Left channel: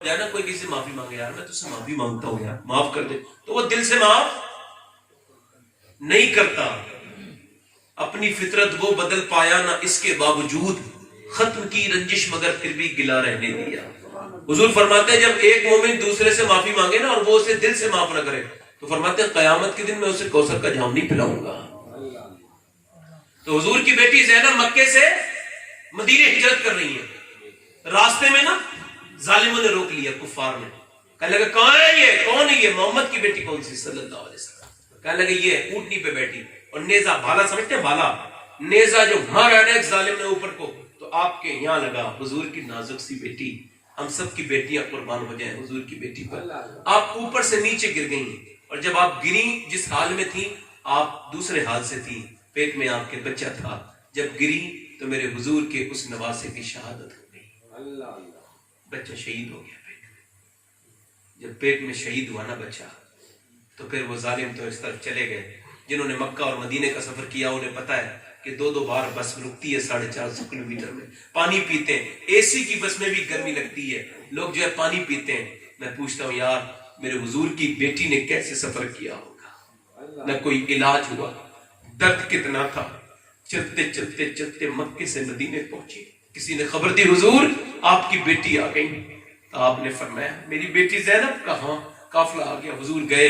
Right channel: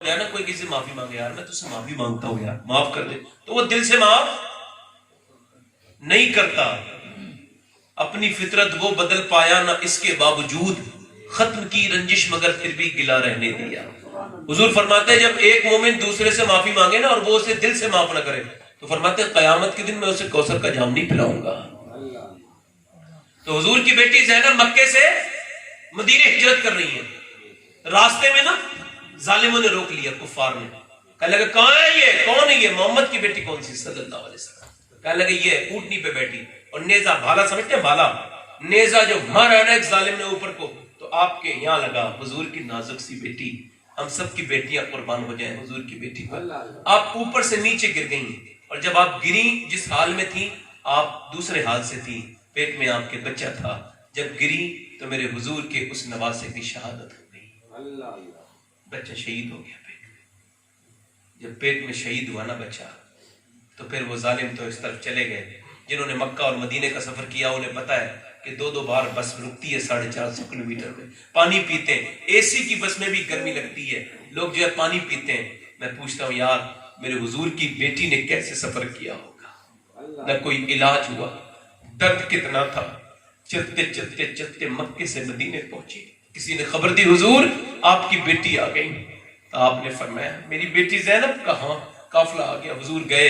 نا کوئی کسی سے معافی مانگے، یار میں تجھ سے معافی مانگتا ہوں یار معاف کر دے، تو وہ دل سے معاف نہیں کرتا. اپنی فطرت وہ بدل پایا نہ اس کے باوجود، ختم کی رنجش مگر پھر بھی گلا رہنے دیا. حضور فرماتے ہیں جب ایک مومن دوسرے سے معافی مانگے نا اور وہ اسے دل سے معاف نہ کرے تو فرماتے ہیں قیامت کے دن میں اسے کوثر کا جام نہیں پلاؤں گا. تو حضور کی بیٹی زینب مکے سے مدینے ہجرت کر رہی ہے، راستے میں نا ظالموں نے روک لیا، کفار نے کہنے لگا کون ہے یہ، کون ہے یہ، محمد کی بیٹی کون سی صلی اللہ علیہ وسلم. کہنے لگے یہ اونٹنی پہ بیٹھی اور نیزہ، بھالا سمجھتے ہیں بھالا، نیزہ جو مارا نا ایک ظالم نے اوپر کو تو آپ کے یہاں لگا. حضور کی نازک سی بیٹی، ہم سب کی بیٹیاں قربان ہو جائیں حضور کی بیٹی پر. آپ اوپر سے نیچے گر گئیں اور جب آپ گری جس حال میں تھی آپ دوسرے حال سے تھی، پیٹ میں آپ کے بچہ تھا. جب گری تو میرے حضور کے اس نواسے کی شہادت ہو گئی، بچہ شہید ہو گیا پیٹ میں. جب پیٹ میں شہید ہوا نا بچہ تو پھر وہ ظالم تو اس طرف چلے گئے. جنہوں نے مکہ اور مدینے کا سفر کیا انہیں پتا ہے کہ دو بار بس رکتی ہے 450 کلومیٹر میں، پانی پیتے ہیں، اے سی کی بس میں بھی گرمی لگتی ہے، لوگ جو ہے پانی پیتے ہیں. میں پوچھتا ہوں یار میرے حضور کی بیٹی نے کیسے سفر کیا ہوگا، نہ کوئی علاج ہوا، درد کتنا تھا، چلتے چلتے چلتے مکے سے مدینے پہنچے. کسی نے خبر دی حضور آپ کی بیٹی آ گئی. آپ نے فرمایا میری بیٹی زینب کہاں، قافلہ آ گیا. حضور گئے،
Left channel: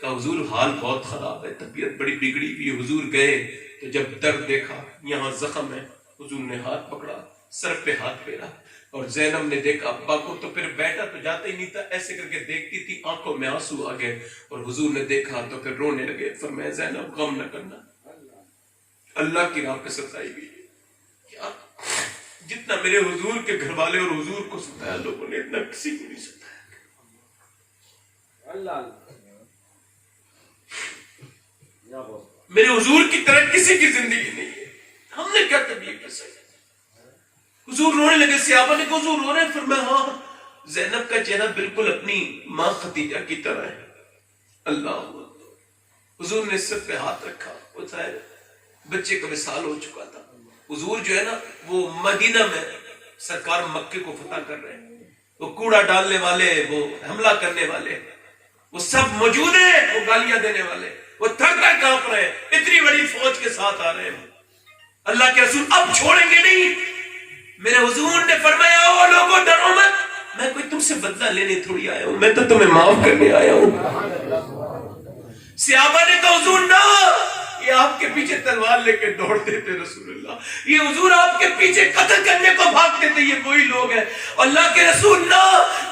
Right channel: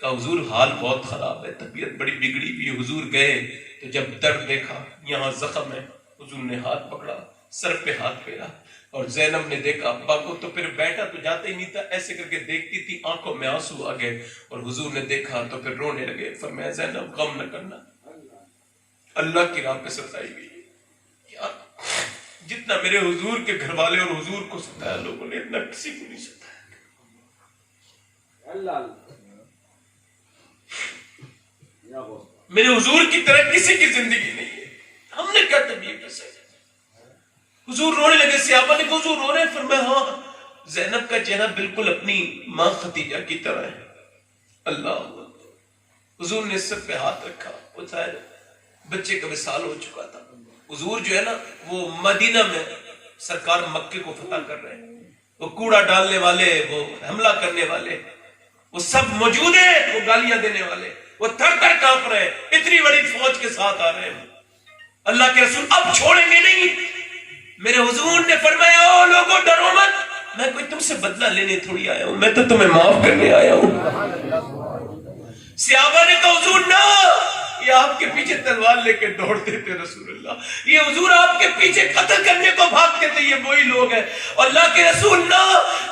کہا حضور حال بہت خراب ہے، طبیعت بڑی بگڑی ہوئی. حضور گئے تو جب درد دیکھا یہاں زخم ہے، حضور نے ہاتھ پکڑا، سر پہ ہاتھ پھیرا اور زینب نے دیکھا ابا کو تو پھر بیٹھا تو جاتا ہی نہیں تھا، ایسے کر کے دیکھتی تھی، آنکھوں میں آنسو آ گئے اور حضور نے دیکھا تو پھر رونے لگے. فرمایا زینب غم نہ کرنا، اللہ کی راہ پہ ستائی گئی. جتنا میرے حضور کے گھر والے اور حضور کو ستایا لوگوں نے اتنا کسی کو نہیں ستایا. میرے حضور کی طرح کسی کی زندگی نہیں ہے. ہم نے کیا طبیعت ہے. حضور رونے لگے، صحابہ نے کہا حضور رو رہے ہیں. فرمایا ہاں. زینب کا چہرہ بالکل اپنی ماں خدیجہ کی طرح ہے. اللہ. حضور نے سر پہ ہاتھ رکھا، اٹھائے، بچے کا وصال ہو چکا تھا. حضور جو ہے نا وہ مدینہ میں سرکار مکے کو فتح کر رہے ہیں، وہ کوڑا ڈالنے والے، وہ حملہ کرنے والے، وہ سب موجود ہیں، وہ گالیاں دینے والے، وہ تھر کر کانپ رہے ہیں، اتنی بڑی فوج کے ساتھ آ رہے ہیں. اللہ کے رسول اب چھوڑیں گے نہیں. میرے حضور نے فرمایا او لوگوں ڈرو مت، میں کوئی تم سے بدلہ لینے تھوڑی آیا ہوں، میں تو تمہیں معاف کرنے آیا ہوں. صحابہ نے کہا حضور نہ، یہ آپ کے پیچھے تلوار لے کے دوڑتے تھے رسول اللہ، یہ حضور آپ کے پیچھے قتل کرنے کو بھاگتے تھے، یہ وہی لوگ ہیں. اللہ کے رسول نہ،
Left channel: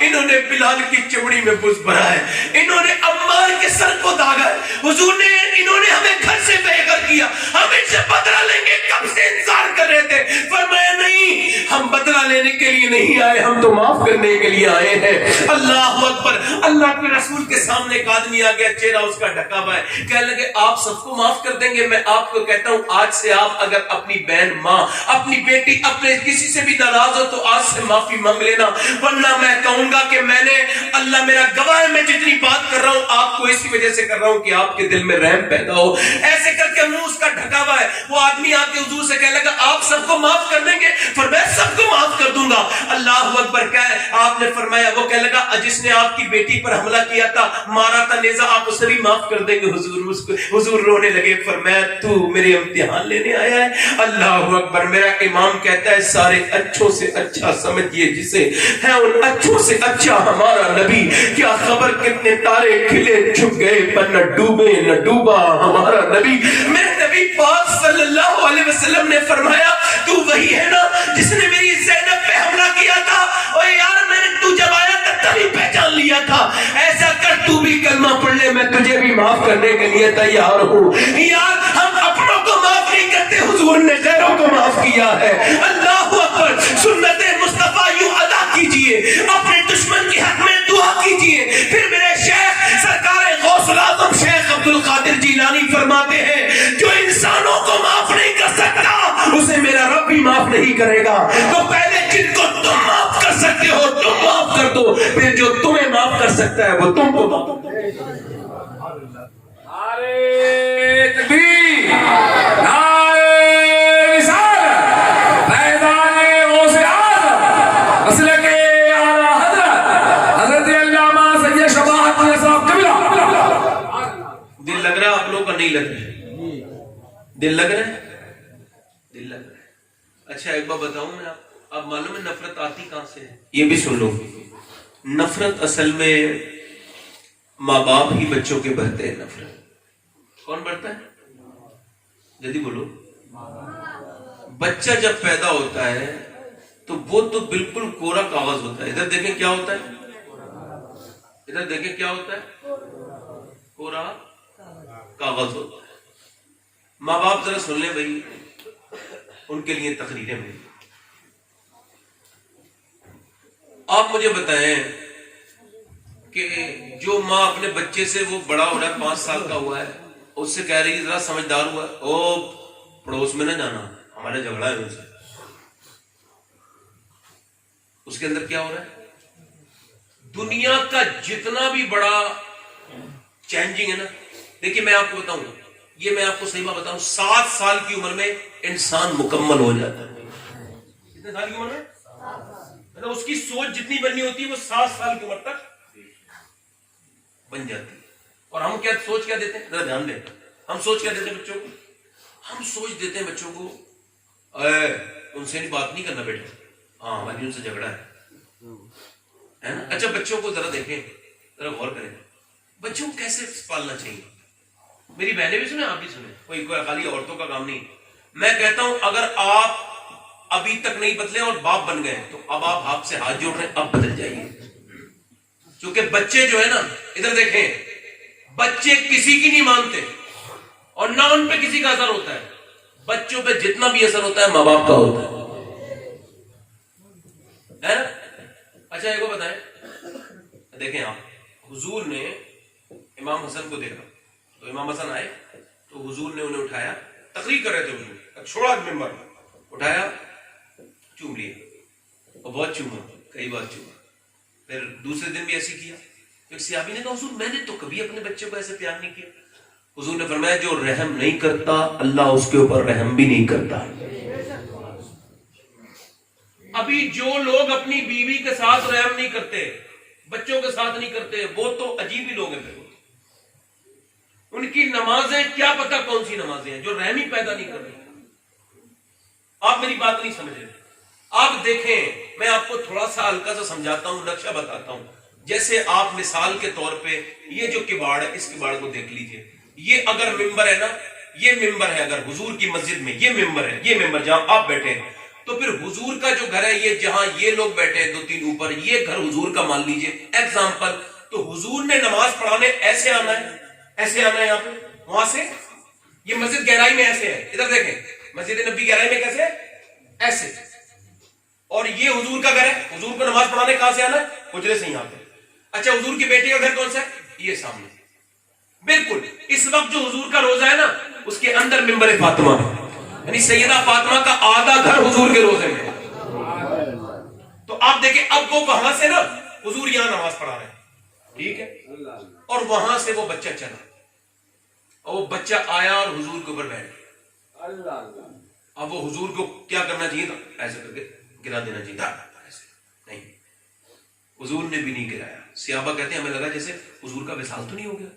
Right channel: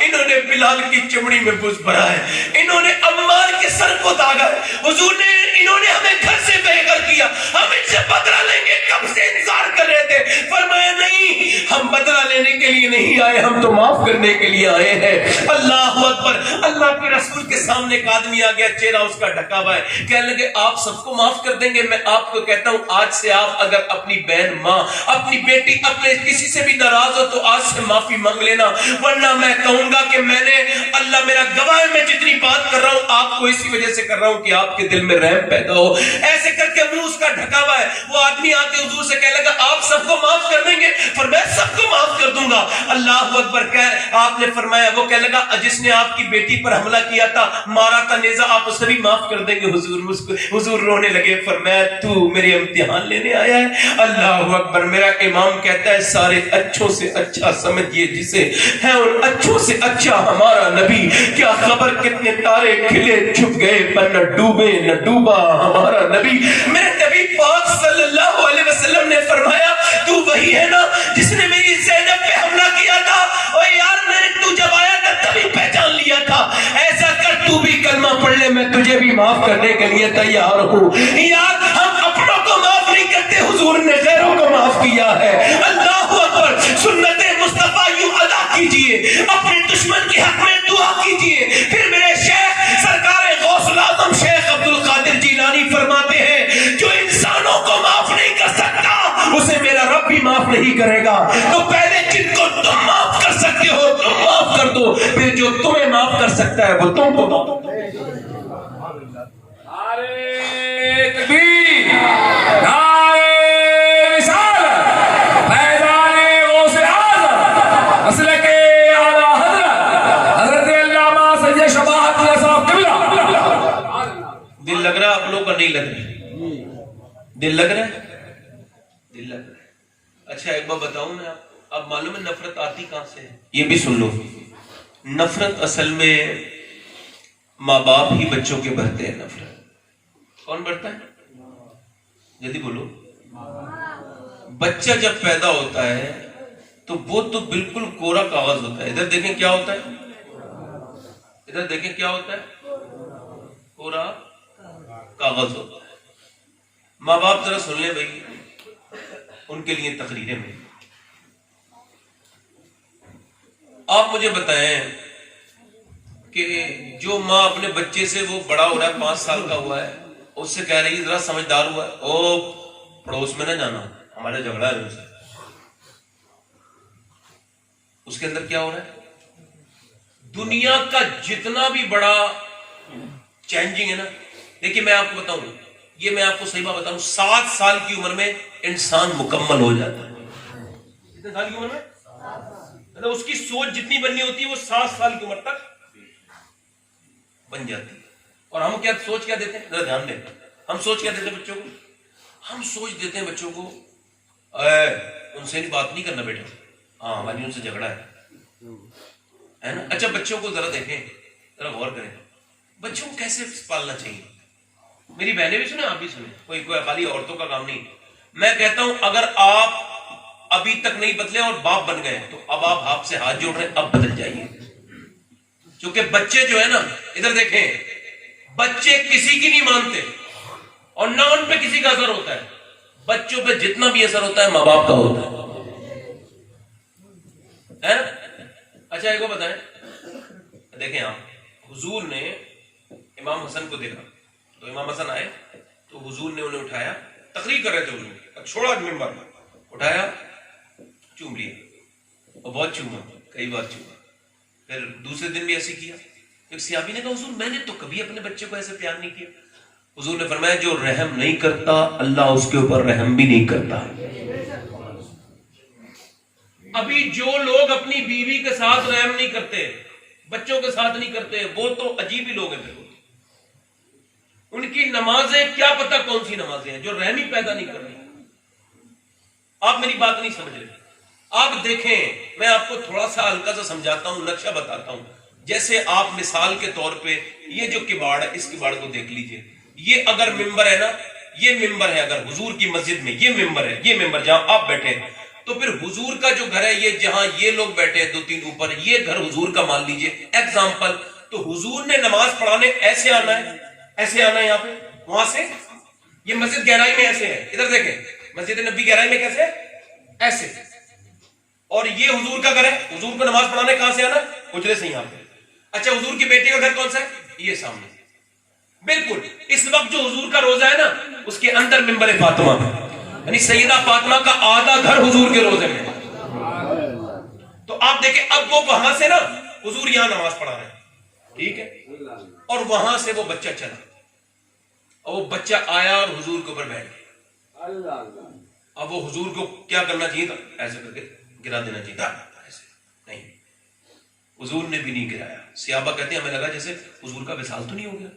انہوں نے بلال کی چمڑی میں بز بھرا ہے، انہوں نے عمار کے سر کو داغا ہے. حضور نے انہوں نے ہمیں گھر سے بے گھر کیا، ہم ان سے بدلہ لیں گے، کب سے انتظار کر رہے تھے. فرمایا نہیں، ہم بدلہ لینے کے لیے نہیں آئے، ہم تو معاف کرنے کے لیے آئے ہیں. اللہ اکبر. اللہ کے رسول کے سامنے ایک آدمی آ گیا، چہرہ اس کا ڈھکا ہوا ہے. کہنے لگے آپ سب کو معاف کر دیں گے؟ میں آپ کو کہتا ہوں آج سے آپ اگر اپنی بہن، ماں، اپنی بیٹی، اپنے کسی سے بھی ناراض ہو تو آج سے معافی مانگ لینا، ورنہ میں کہوں گا کہ میں نے، اللہ میرا گواہ ہے، میں جتنی بات کر رہا ہوں آپ کو اسی وجہ سے کر رہا ہوں کہ آپ کے دل میں رحم پیدا ہو. ایسے کر کے منہ اس کا ڈھکا ہوا ہے. وہ آدمی آ کے حضور سے کہنے لگا آپ سب کو معاف کر دیں گے؟ فرمایا سب کو معاف کر دوں گا. اللہ اکبر. آپ نے فرمایا، وہ کہنے لگا جس نے آپ کی بیٹی پر حملہ کیا تھا، مارا تھا نیزہ، آپ اسے بھی معاف کر دیں گے؟ حضور رونے لگے. فرمایا تو میرے امتحان لینے آیا ہے؟ اللہ اکبر. میرا امام کہتا ہے سارے اچھوں سے اچھا سمجھیے جسے ہے ان اچھوں سے اچھا ہمارا نبی. کیا خبر کتنے تارے کھلے چھپ گئے پر نہ ڈوبے نہ ڈوبا ہمارا نبی. میرے نبی پاک صلی اللہ علیہ وسلم نے فرمایا تو وہی ہے نا جس نے میری زینب پہ حملہ کیا تھا؟ اور یار میں نے تو جب آیا تھا تبھی پہچان لیا تھا. ایسا کر تو بھی کلمہ پڑھ لے، میں تجھے بھی معاف کرنے کے لیے تیار ہوں. یار ہم اپنوں کو معاف نہیں کرتے، حضور نے غیروں کو معاف کیا ہے. اللہ اکبر. سنت مصطفیٰ یوں ادا کیجئے، اپنے دشمن کے حق میں دعا کیجئے. پھر میرے شیخ سرکار غوث الاعظم شیخ عبد القادر جیلانی فرماتے ہیں جو انسانوں کو معاف نہیں کر سکتا اسے میرا رب بھی معاف نہیں کرے گا. تو پہلے جن کو تم معاف کر سکتے ہو تم معاف کر دو، پھر جو تمہیں معاف کر سکتا ہے وہ تم کو معاف. نعرے تکبیر، نعرے رسالت، فیضان غوث اعظم، مسلک اعلیٰ حضرت دل لگ رہا ہے؟ دل لگ رہا ہے. اچھا ایک بات بتاؤں میں آپ کو، اب معلوم ہے نفرت آتی کہاں سے ہے؟ یہ بھی سن لو. نفرت اصل میں ماں باپ ہی بچوں کے بھرتے ہیں. نفرت کون بھرتا ہے؟ جلدی بولو. بچہ جب پیدا ہوتا ہے تو وہ تو بالکل کوڑا کاغذ ہوتا ہے. ادھر دیکھیں کیا ہوتا ہے، ادھر دیکھیں کیا ہوتا ہے، کوڑا کاغذ ہوتا ہے. ماں باپ ذرا سن لیں بھائی، ان کے لیے تقریریں میں آپ مجھے بتائیں کہ جو ماں اپنے بچے سے، وہ بڑا ہو رہا ہے 5 سال کا ہوا ہے، اس سے کہہ رہی ہے ذرا سمجھدار ہوا ہے، او پڑوس میں نہ جانا، ہمارے جھگڑا ہے ان سے. اس کے اندر کیا ہو رہا ہے؟ دنیا کا جتنا بھی بڑا چینجنگ ہے نا، دیکھیے میں آپ کو بتاؤں، یہ میں آپ کو صحیح بات بتاؤں، 7 سال کی عمر میں انسان مکمل ہو جاتا ہے. کتنے سال کی عمر میں؟ اس کی سوچ جتنی بننی ہوتی ہے وہ 7 سال کی عمر تک بن جاتی ہے. اور ہم کیا سوچ کیا دیتے ہیں؟ ذرا دھیان دیں، ہم سوچ کیا دیتے ہیں بچوں کو؟ ہم سوچ دیتے ہیں بچوں کو ان سے بات نہیں کرنا بیٹا، ہاں ہماری ان سے جھگڑا ہے نا. اچھا بچوں کو ذرا دیکھیں، ذرا غور کریں، بچوں کو کیسے پالنا چاہیے. میری بہنیں بھی سنیں، آپ بھی سنیں، کوئی خالی عورتوں کا کام نہیں. میں کہتا ہوں اگر آپ ابھی تک نہیں بدلے اور باپ بن گئے تو اب آپ سے ہاتھ جوڑ رہے ہیں، اب بدل جائیے. کیونکہ بچے جو ہے نا، ادھر دیکھیں، بچے کسی کی نہیں مانتے اور نہ ان پہ کسی کا اثر ہوتا ہے. بچوں پہ جتنا بھی اثر ہوتا ہے ماں باپ کا ہوتا ہے. اچھا ایک کو بتائیں، دیکھیں آپ، حضور نے امام حسن کو دیکھا تو امام حسن آئے تو حضور نے انہیں اٹھایا، تقریر کر رہے تھے حضور، چھوڑا منبر، اٹھایا، چوم لیا، اور بہت چوما، کئی بار چوما. پھر دوسرے دن بھی ایسے کیا. ایک صحابی نے کہا حضور میں نے تو کبھی اپنے بچے کو ایسے پیار نہیں کیا. حضور نے فرمایا جو رحم نہیں کرتا اللہ اس کے اوپر رحم بھی نہیں کرتا. ابھی جو لوگ اپنی بیوی کے ساتھ رحم نہیں کرتے، بچوں کے ساتھ نہیں کرتے، وہ تو عجیب ہی لوگ ہیں. ان کی نمازیں کیا پتہ کون سی نمازیں ہیں جو رحم ہی پیدا نہیں کرتی. آپ میری بات نہیں سمجھ رہے. آپ دیکھیں، میں آپ کو تھوڑا سا ہلکا سا سمجھاتا ہوں، نقشہ بتاتا ہوں. جیسے آپ مثال کے طور پہ یہ جو کباڑ ہے، اس کباڑ کو دیکھ لیجئے. یہ اگر ممبر ہے نا، یہ ممبر ہے، اگر حضور کی مسجد میں یہ ممبر ہے، یہ ممبر جہاں آپ بیٹھے ہیں، تو پھر حضور کا جو گھر ہے، یہ جہاں یہ لوگ بیٹھے ہیں 2-3 اوپر، یہ گھر حضور کا مان لیجئے ایگزامپل. تو حضور نے نماز پڑھانے ایسے آنا ہے، ایسے آنا ہے، یہاں پہ وہاں سے. یہ مسجد گہرائی میں ایسے ہے، ادھر دیکھیں، مسجد نبی گہرائی میں کیسے؟ ایسے. اور یہ حضور کا گھر ہے، حضور کو نماز پڑھانے کہاں سے آنا ہے؟ حجرے سے یہاں پہ. اچھا حضور کی بیٹی کا گھر کون سا ہے؟ یہ سامنے. بالکل اس وقت جو حضور کا روزہ ہے نا، اس کے اندر منبر فاطمہ، یعنی سیدہ فاطمہ کا آدھا گھر حضور کے روزے میں. تو آپ دیکھیں اب وہ وہاں سے نا، حضور یہاں نماز پڑھا رہے ہیں، ٹھیک ہے، اور وہاں سے وہ بچہ چلا، اور وہ بچہ آیا اور حضور کے اوپر بیٹھ گیا. اب وہ حضور کو کیا کرنا چاہیے تھا؟ ایسے کر کے گرا دینا چاہیے تھا. ایسے نہیں، حضور نے بھی نہیں گرایا. صحابہ کہتے ہیں ہمیں لگا جیسے حضور کا وصال تو نہیں ہو گیا.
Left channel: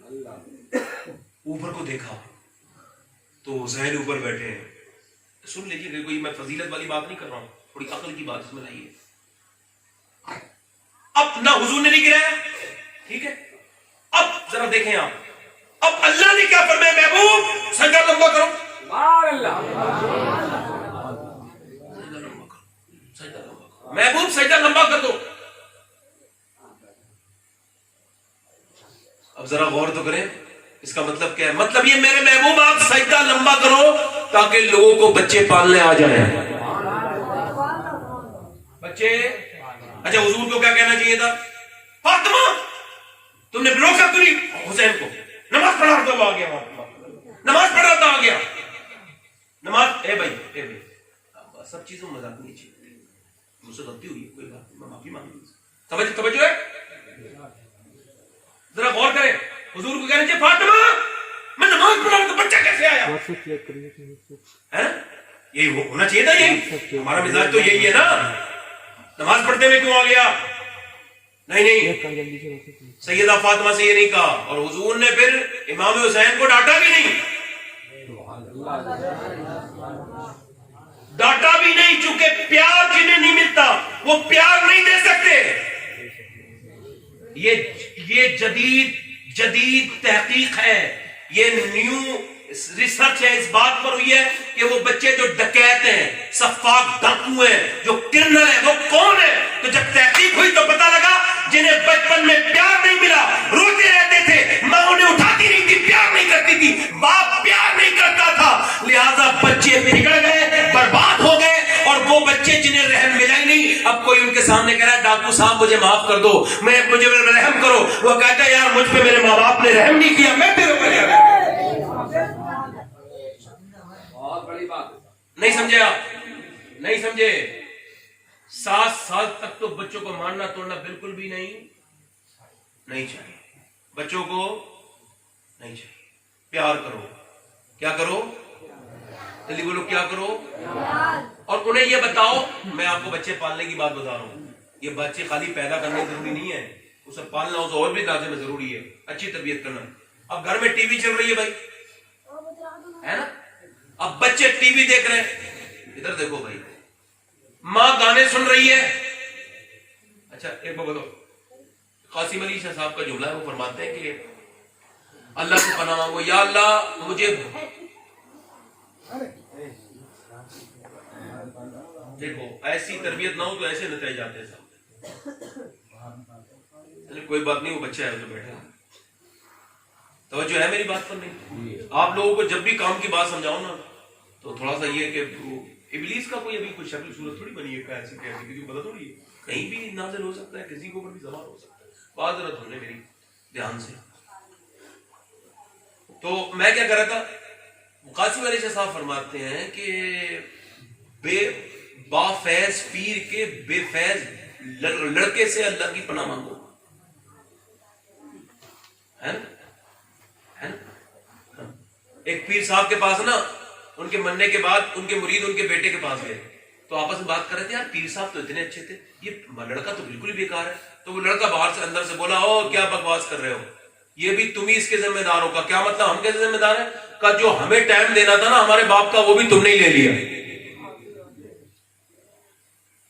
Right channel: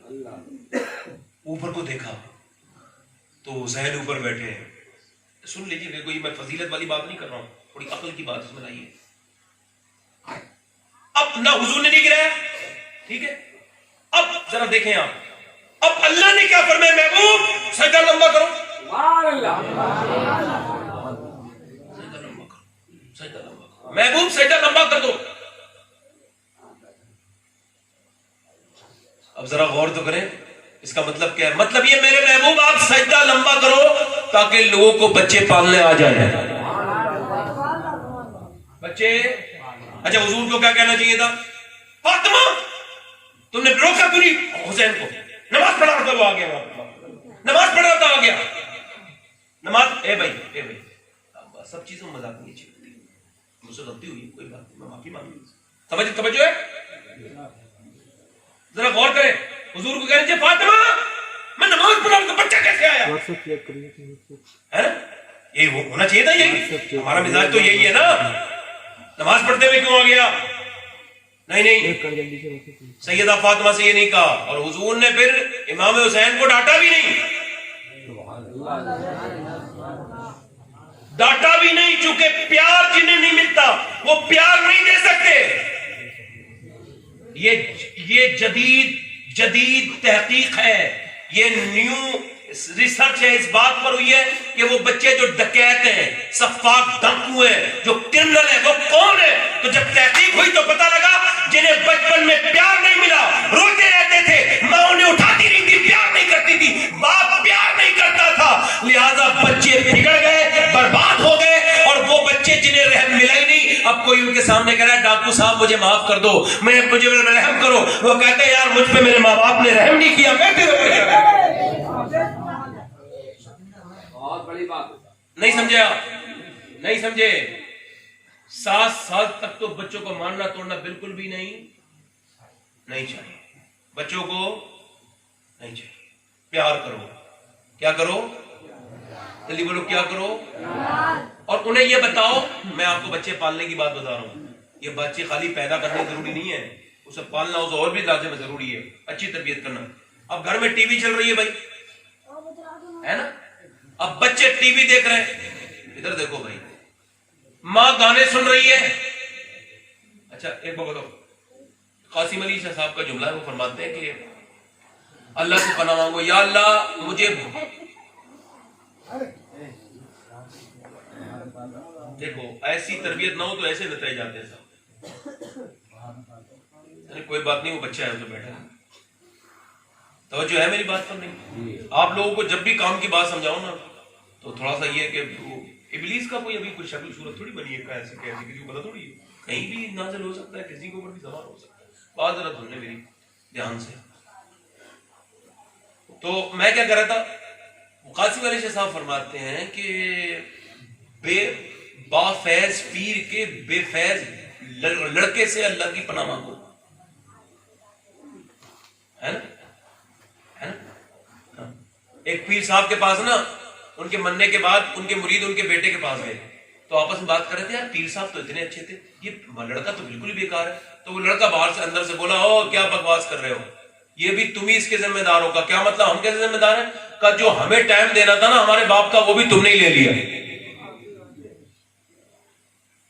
اوپر کو دیکھا تو حسین اوپر بیٹھے ہیں. سن لیجیے، کوئی میں فضیلت والی بات نہیں کر رہا ہوں، تھوڑی عقل کی بات اس میں لائیے. اب نہ حضور نے نہیں گرایا، ٹھیک ہے. اب ذرا دیکھیں آپ، اب اللہ نے کیا فرمایا؟ محبوب سجدہ لمبا کرو. محبوب سجدہ لمبا کر دو. اب ذرا غور تو کریں، اس کا مطلب کیا ہے؟ مطلب یہ میرے محبوب آپ سجدہ لمبا کرو تاکہ لوگوں کو بچے پالنے آ جائیں. بچے. اچھا حضور کو کیا کہنا چاہیے تھا؟ فاطمہ تم نے روکا کیوں نہیں حسین کو؟ نماز پڑھ رہا تھا وہ آ گیا، نماز پڑھ رہا تھا آ گیا. نماز اے بھائی سب چیزوں مذاق نہیں چاہیے. مجھ سے غلطی ہوئی، کوئی بات نہیں، میں معافی مانگوں. سمجھ توجہ ہے؟ ذرا غور کریں. حضور کو کہنا چاہیے فاطمہ میں نماز پڑھا ہوں تو بچہ کیسے آیا؟ یہی ہونا چاہیے تھا. یہی ہمارا مزاج تو یہی ہے نا، نماز پڑھتے ہوئے کیوں آ گیا؟ نہیں، سیدہ فاطمہ سے یہ نہیں کہا. اور حضور نے پھر امام حسین کو ڈانٹا بھی نہیں. ڈاٹا بھی نہیں، چونکہ پیار جنہیں نہیں ملتا وہ پیار نہیں دے سکتے. یہ جدید تحقیق ہے، یہ نیو ریسرچ ہے، اس بات پر ہوئی ہے کہ وہ بچے جو ڈکیت ہیں، سفاک ڈاکو ہیں، جو کرنل ہیں، وہ کون ہے. تو جب تحقیق ہوئی تو پتہ لگا جنہیں بچپن میں پیار نہیں ملا، روتے رہتے تھے، ماں انہیں اٹھاتی نہیں تھی، پیار نہیں کرتی تھی، باپ پیار نہیں کرتا تھا، لہذا بچے بگڑ گئے، برباد ہو گئے. اور وہ بچے جنہیں رحم ملا ہی نہیں، اب کوئی ان کے سامنے کہہ رہا ہے ڈاکو صاحب مجھے معاف کر دو، مجھے رحم کرو، وہ کہتا ہے یار مجھ پہ میرے ماں باپ نے رحم نہیں کیا، میں تیرے پہ کیا رحم. نہیں سمجھے آپ؟ نہیں سمجھے؟ 7 سال تک تو بچوں کو مارنا توڑنا بالکل بھی نہیں چاہیے. بچوں کو نہیں چاہیے. پیار کرو. کیا کرو؟ جلدی بولو، کیا کرو؟ اور انہیں یہ بتاؤ، میں آپ کو بچے پالنے کی بات بتا رہا ہوں، یہ بچے خالی پیدا کرنا ضروری نہیں ہے، اسے پالنا اسے اور بھی لازم ضروری ہے، اچھی تربیت کرنا. اب گھر میں ٹی وی چل رہی ہے بھائی، ہے نا؟ اب بچے ٹی وی دیکھ رہے ہیں، ادھر دیکھو بھائی، ماں گانے سن رہی ہے. اچھا ایک بات بتاؤ، قاسم علی شاہ صاحب کا جملہ ہے، وہ فرماتے ہیں کہ اللہ سے پناہ مانگو، یا اللہ مجھے دیکھو ایسی تربیت نہ ہو تو ایسے نتائج جاتے ہیں صاحب. کوئی بات نہیں، وہ بچہ ہے، وہ تو بیٹھا ہے. توجہ ہے میری بات پر؟ نہیں. آپ لوگوں کو جب بھی کام کی بات سمجھاؤ نا تو تھوڑا سا یہ کہ ابلیس کا کوئی ابھی کوئی شکل صورت تھوڑی بنی ہے، ایسے کسی کو پتا تھوڑی ہے، کہیں بھی نازل ہو سکتا ہے، کسی کے اوپر بھی زبان ہو سکتا ہے. بات ذرا سن لے میری دھیان سے. تو میں کیا کر رہا تھا، قاسم علی شاہ صاحب فرماتے ہیں کہ با فیض پیر کے بے فیض لڑکے سے اللہ کی پناہ مانگو، ہے نا؟ ایک پیر صاحب کے پاس نا، ان کے مرنے کے بعد ان کے مرید ان کے بیٹے کے پاس گئے تو آپس میں بات کر رہے تھے، یار پیر صاحب تو اتنے اچھے تھے، یہ لڑکا تو بالکل ہی بیکار ہے. تو وہ لڑکا باہر سے اندر سے بولا، او کیا بکواس کر رہے ہو، یہ بھی تم ہی اس کے ذمہ دار ہو. کا کیا مطلب؟ ہم کیسے ذمہ دار ہیں؟ کا جو ہمیں ٹائم دینا تھا نا ہمارے باپ کا، وہ بھی تم نے ہی لے لیا.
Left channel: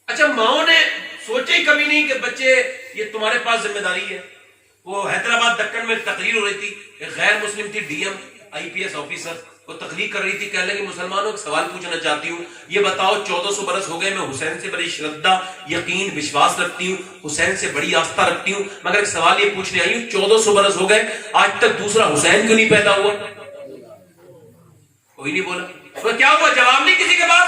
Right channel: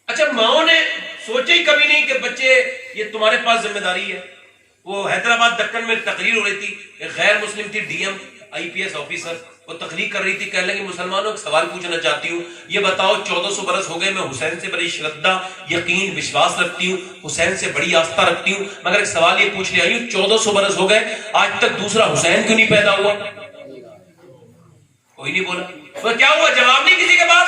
اچھا ماؤں نے سوچا ہی کبھی نہیں کہ بچے یہ تمہارے پاس ذمہ داری ہے. وہ حیدرآباد دکن میں تقریر ہو رہی تھی، ایک غیر مسلم تھی، ڈی ایم IPS آفیسر، وہ تقریر کر رہی تھی، کہنے لگی مسلمانوں ایک سوال پوچھنا چاہتی ہوں، یہ بتاؤ 1400 برس ہو گئے میں حسین سے بڑی شردا یقین وشواس رکھتی ہوں، حسین سے بڑی آستہ رکھتی ہوں، مگر ایک سوال یہ پوچھنے آئی ہوں 1400 برس ہو گئے آج تک دوسرا حسین کیوں نہیں پیدا ہوا؟ کوئی نہیں بولا. تو کیا ہوا؟ جواب نہیں کسی کے پاس.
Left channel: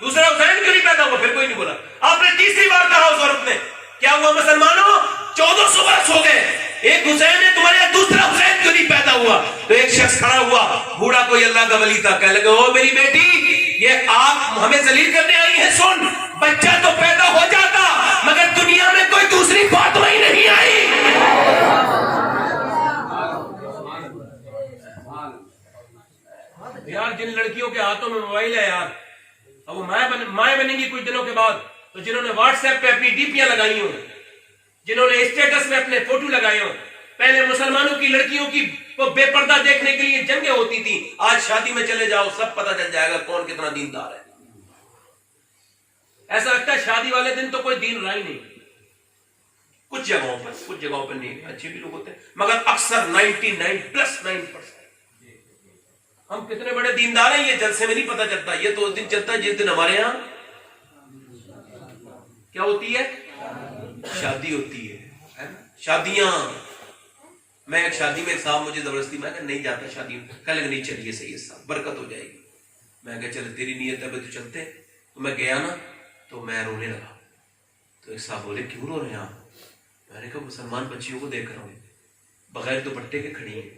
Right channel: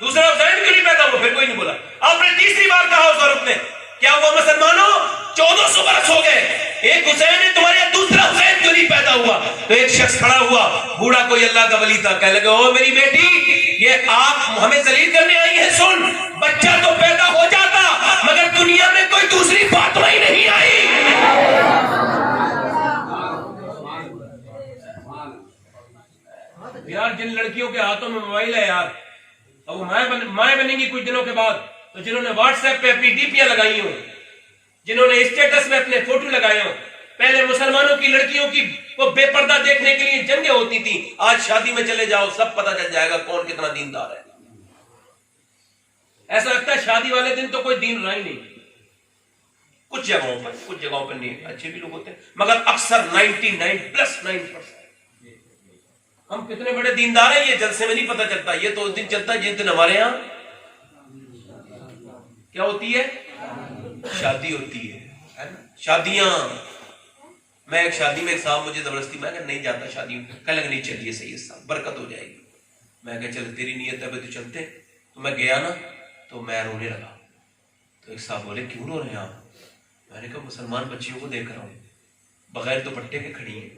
دوسرا حسین کیوں نہیں پیدا ہوا؟ پھر کوئی نہیں بولا. آپ نے تیسری بار کہا اس عورت نے، کیا ہوا مسلمانوں 1400 برس ہو گئے ایک حسین ہے، تمہارے یہاں دوسرا حسین کیوں نہیں پیدا ہوا؟ تو ایک شخص کھڑا ہوا، بوڑھا کوئی اللہ کا ولی تھا، کہنے لگے او میری بیٹی، یہ آپ ہمیں ذلیل کرنے آئی ہیں، سن بچہ تو پیدا ہو جاتا مگر دنیا میں کوئی دوسری فاطمہ ہی نہیں آئی. یار جن لڑکیوں کے ہاتھوں میں موبائل ہے یار، اب وہ مائیں بنیں گی کچھ دنوں کے بعد، تو جنہوں نے واٹس ایپ پہ اپنی DPیاں لگائی ہوں، جنہوں نے اسٹیٹس میں اپنے فوٹو لگائے ہوں، پہلے مسلمانوں کی لڑکیوں کی وہ بے پردہ دیکھنے کے لیے جنگیں ہوتی تھیں، آج شادی میں چلے جاؤ سب پتہ چل جائے گا کون کتنا دیندار ہے. ایسا لگتا ہے شادی والے دن تو کوئی دین رہا ہی نہیں. کچھ جگہوں پر نہیں، اچھے بھی لوگ ہوتے ہیں مگر اکثر 99+9%. ہم کتنے بڑے دیندار ہیں یہ جلسے میں نہیں پتہ چلتا، یہ تو اس دن چلتا ہے جس دن ہمارے ہاں کیا ہوتی ہے؟ شادی ہوتی ہے. شادیاں، میں ایک شادی میں ایک صاحب مجھے زبردستی، میں کہا نہیں جاتا شادی میں، کہنے لگے نہیں چلیے صحیح ہے برکت ہو جائے گی. میں کہا چل تیری نیت ہے تو چلتے. تو میں گیا نا تو میں رونے لگا. تو ایک صاحب بولے کیوں رو رہے ہیں آپ؟ میں نے کہا مسلمان بچیوں کو دیکھ رہا ہوں بغیر دوپٹے کے کھڑی ہیں،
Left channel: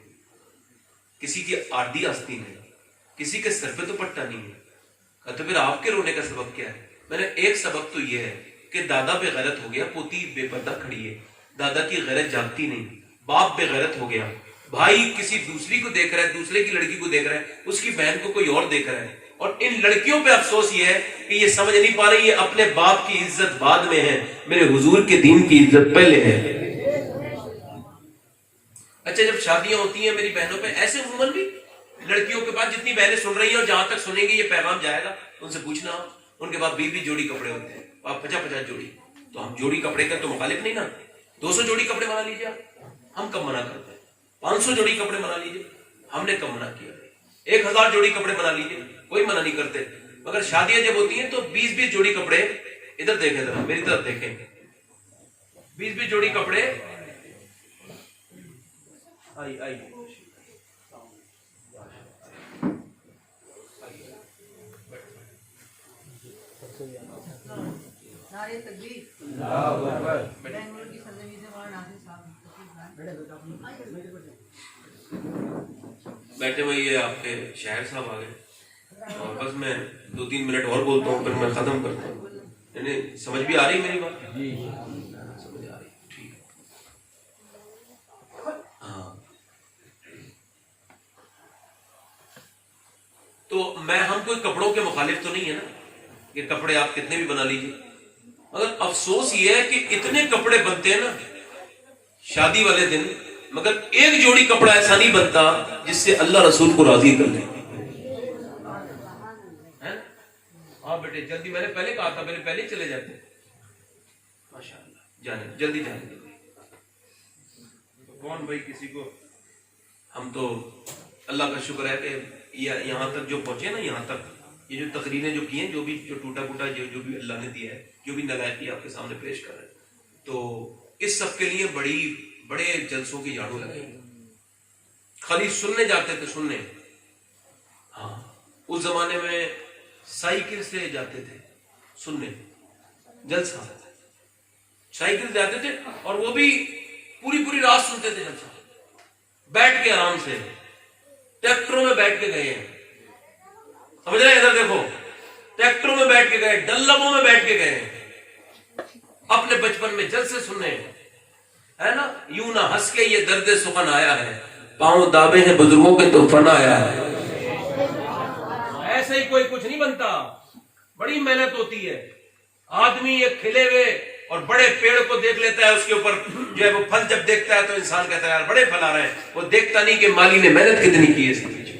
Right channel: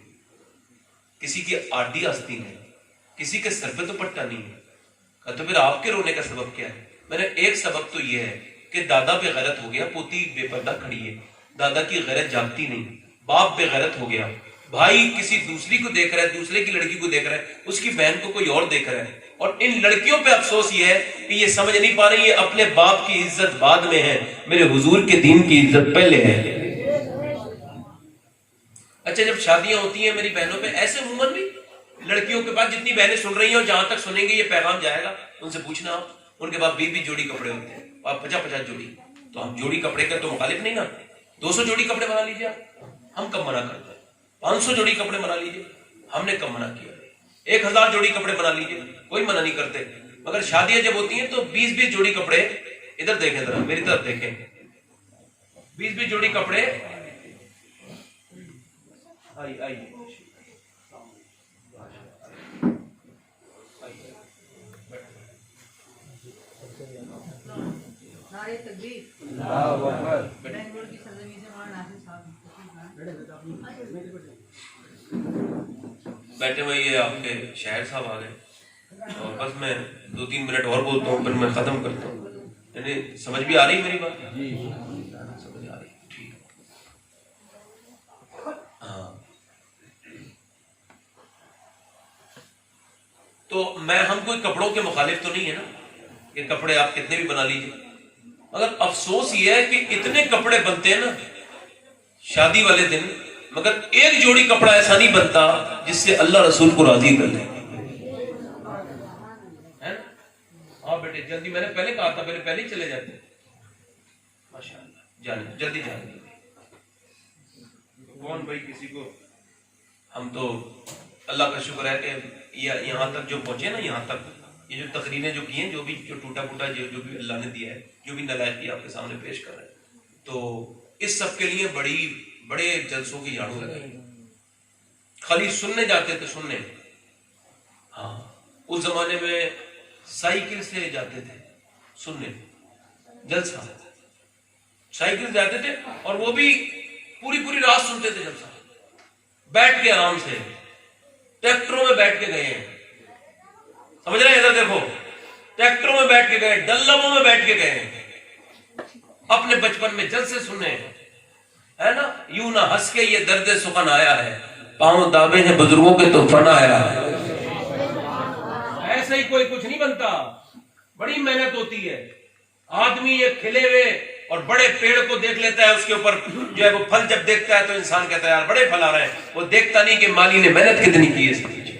کسی کی آڑھی آستی نہیں، کسی کے سر پہ دوپٹہ نہیں ہے. کہا تو پھر آپ کے رونے کا سبب کیا ہے؟ میں نے ایک سبب تو یہ ہے کہ دادا بے غیرت ہو گیا، پوتی بے پردہ کھڑی ہے، دادا کی غیرت جاگتی نہیں، باپ بے غیرت ہو گیا، بھائی کسی دوسری کو دیکھ رہا ہے، دوسرے کی لڑکی کو دیکھ رہا ہے، اس کی بہن کو کوئی اور دیکھ رہا ہے. اور ان لڑکیوں پہ افسوس یہ ہے کہ یہ سمجھ نہیں پا رہی ہے اپنے باپ کی عزت بعد میں ہے، میرے حضور کے دین کی عزت پہلے ہے. اچھا جب شادیاں ہوتی ہیں میری بہنوں پہ ایسے عموماً بھی لڑکیوں کے پاس جتنی بہنیں سن رہی ہیں اور جہاں تک سنیں گے یہ پیغام جائے گا ان سے پوچھنا آپ، ان کے پاس 20 جوڑی کپڑے ہوتے ہیں اور 50 جوڑی، تو ہم جوڑی کپڑے کا تو مخالف نہیں نا، 200 جوڑی کپڑے بنا لیجیے آپ، ہم کب منع کرتے ہیں؟ 500 جوڑی کپڑے بنا لیجیے، ہم نے کب منع کیا؟ 1000 جوڑی کپڑے بنا لیجیے، کوئی منع نہیں کرتے، مگر شادیاں جب ہوتی ہیں تو 20 جوڑی کپڑے، ادھر دیکھیں ذرا میری طرف دیکھیں، 20 جوڑی کپڑے، آئیے نعرے تکبیر، بنگلور کی سرزمین سے مولانا ناصر صاحب بیٹھے ہوئے، یہ آپ کے شاعر صاحب آ گئے، اور بس میں 2-3 منٹ اور بولتا ہوں پھر میں ختم کرتا ہوں، یعنی سمجھ بھی آ رہی میری بات؟ سمجھ آ رہی، ٹھیک، ہاں۔ تو میں ہم کوئی کپڑوں کے مخالف تو نہیں ہے نا کہ کپڑے آپ کتنے بھی بنا لیجیے، مگر افسوس یہ ہے کہ اتنے کپڑے بنتے ہیں نا شادی والے دن، مگر ایک جوڑی کپڑا ایسا نہیں بنتا جس سے اللہ رسول کو راضی کر لے۔ ہاں بیٹے جلدی، میں نے پہلے کہا تھا پہلے ہی چلے جاتے، ماشاءاللہ جانے جلدی جانے۔ کون بھائی کسی کو، ہم تو اللہ کا شکر ہے کہ یہاں تک جو پہنچے نا، یہاں تک یہ جو تقریریں جو کی ہیں، جو بھی جو ٹوٹا پھوٹا جو بھی اللہ نے دیا ہے، جو بھی نلائقی آپ کے سامنے پیش کر رہے ہیں، تو اس سب کے لیے بڑے جلسوں کی جھاڑو لگائی، خالی سننے جاتے تھے، سننے، ہاں اس زمانے میں سائیکل سے جاتے تھے سننے، جلسہ سائیکل جاتے تھے، اور وہ بھی پوری رات سنتے تھے جلسہ، بیٹھ کے آرام سے، ٹریکٹروں میں بیٹھ کے گئے ہیں، سمجھ رہے ہیں؟ ادھر دیکھو، ٹریکٹروں میں بیٹھ کے گئے، ڈلبوں میں بیٹھ کے گئے ہیں، اپنے بچپن میں جلسے سننے ہے نا، یوں نہ ہنس کے یہ درد سخن آیا ہے، پاؤں دابے ہیں بزرگوں کے تو فن آیا ہے۔ ایسے ہی کوئی کچھ نہیں بنتا، بڑی محنت ہوتی ہے، آدمی ایک کھلے ہوئے اور بڑے پیڑ کو دیکھ لیتا ہے، اس کے اوپر جو ہے وہ پھل جب دیکھتا ہے تو انسان کہتا ہے یار بڑے پھل آ رہے ہیں، وہ دیکھتا نہیں کہ مالی نے محنت کتنی کی ہے اس کے پیچھے۔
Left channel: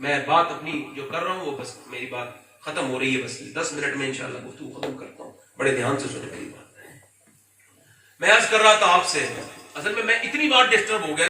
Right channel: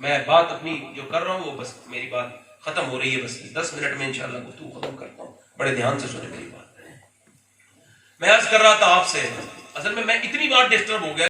میں بات اپنی جو کر رہا ہوں وہ بس میری بات ختم ہو رہی ہے، بس 10 منٹ میں انشاءاللہ گفتگو ختم کرتا ہوں، بڑے دھیان سے سنیں میری بات۔ میں عرض کر رہا تھا آپ سے، اصل میں اتنی بار ڈسٹرب ہو گیا